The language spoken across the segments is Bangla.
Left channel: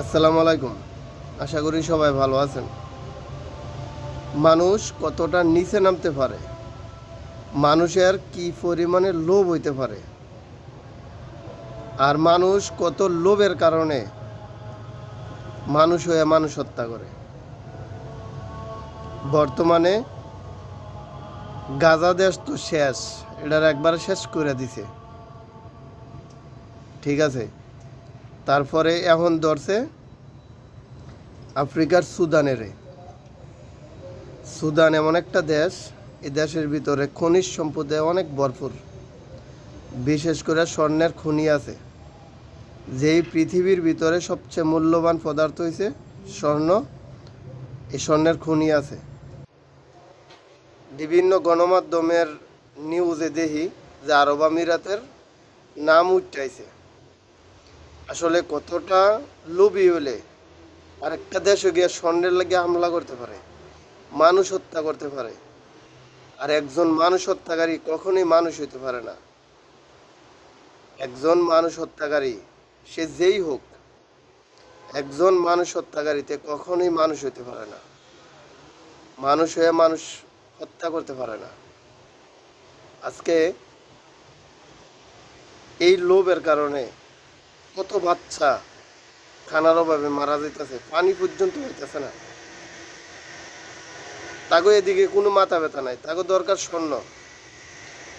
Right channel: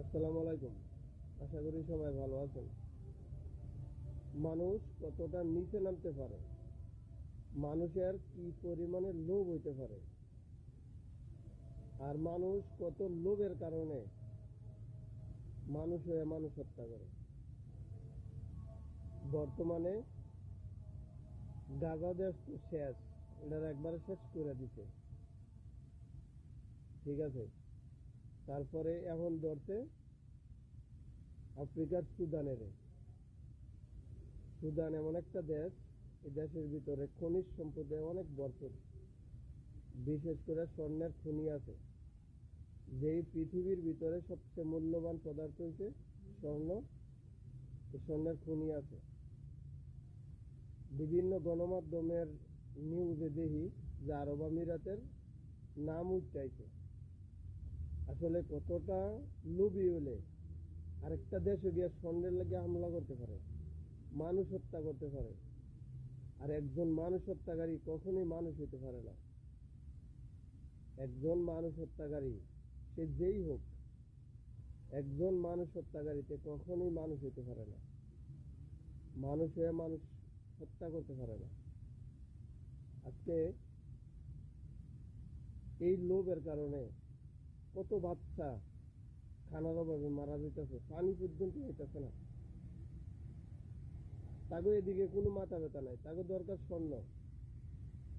আসসালামু আলাইকুম। আশা করি সবাই ভালো আছেন। মানুষ কতটা নিচে নামতে পারে, মানুষের কি পরিমাণে লোভ হইতে পারে, আর মানুষ কত লোভের কারণে মানুষ হয়ে মানুষ হত্যা করে। বর্তমানে গাজা দেশ তো শেষ, এটার একবারে শেষ করে দিছে, ঠিক আছে। তারপরে এখন ধরছে আফ্রিকার সুদান এমন একটা দেশ, এই দেশের ভিতরে খনিজ সম্পদে অনেক ভরপুর, বিশেষ করে স্বর্ণের খনি আছে। যেই পৃথিবীর ভিতরে সবচেয়ে মূল্যবান পদার্থ হয়েছে স্বর্ণ, এই স্বর্ণের খনি আছে। বিভিন্ন গণমাধ্যমের নিউজে দেখি যে আরব আমিরাতের নাম উঠাইছে। আসলে কতটা লোভী হলে আরেকটা দেশে গিয়ে স্বর্ণের লাগে হামলা করতে পারে, মানুষ হত্যা করতে পারে। আর একজন মানুষ হত্যাকারী কখনোই মানুষ হইতে পারে না। একজন মানুষ হত্যাকারী, সে যেই হোক, একজন মানুষ হত্যাকারীতে কখনোই মানুষ হইতে পারে না। মানুষ হয়ে মানুষ হত্যা করতে পারে না। আজকে এই লোভের কারণে কত বাচ্চা খানার অভাবে মারা যাইতেছে, পানি পর্যন্ত হইতেছে না। তাগো এদিকে কোনো মাথা ব্যথা নাই, তাগো দরকার স্বর্ণ।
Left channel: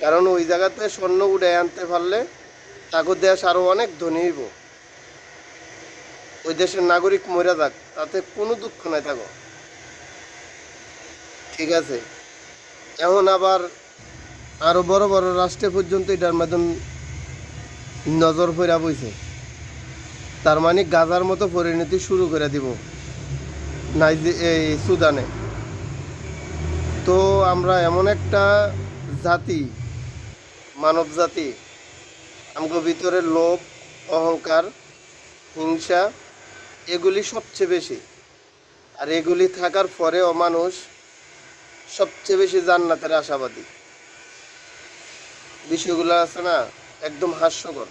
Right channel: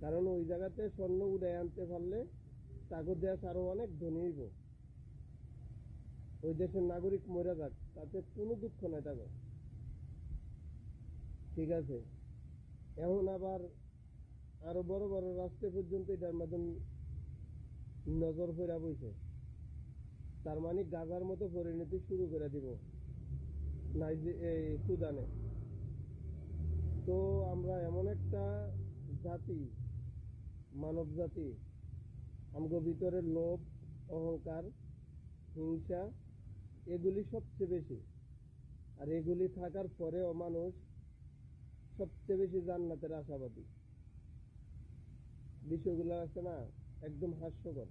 কারণ ওই জায়গাতে স্বর্ণ উড়ে আনতে পারলে তাগো দেশ আরো অনেক ধনী হইব। ওই দেশের নাগরিক মরে যাক, তাতে কোনো দুঃখ নাই তাগো, ঠিক আছে। এখন আবার আরো বড় বড় রাষ্ট্রে পর্যন্ত এটার মাধ্যম নজর ফেরা বইছে। তার মানে গাজার মতো পরিণতি শুরু করে দিব এই সুদানে। তো আমরা এমন একটা জাতি, মানব জাতি, আমাদের ভিতরে লোভ, অহংকার, হিংসা এগুলি সবচেয়ে বেশি। আর এগুলি থাকার পরেও মানুষ সবচেয়ে বেশি জান্নাতের আশাবাদী। বিষয়গুলো আছে না, একদম হাস্যকর।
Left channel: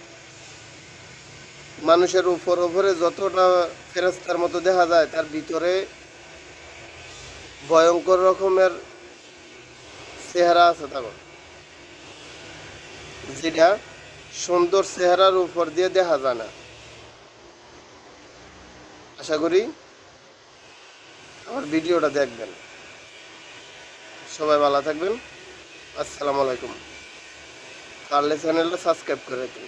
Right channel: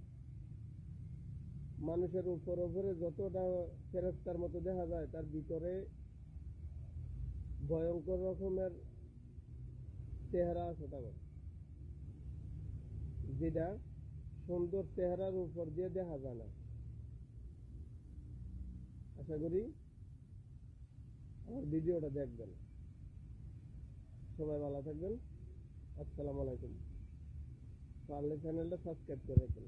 মানুষের উপরে যতটা ফেরেশতার মতো দেখা যায়, তার ভিতরে ভয়ঙ্কর রকমের চেহারা আছে তখন, যেটা সুন্দর চেহারার উপর দিয়ে দেখা যায় না। আশা করি আমার ভিডিওটা দেখবেন। সবাই ভালো থাকবেন। আসসালামু আলাইকুম। পারলে চ্যানেলটা সাবস্ক্রাইব করে দিন।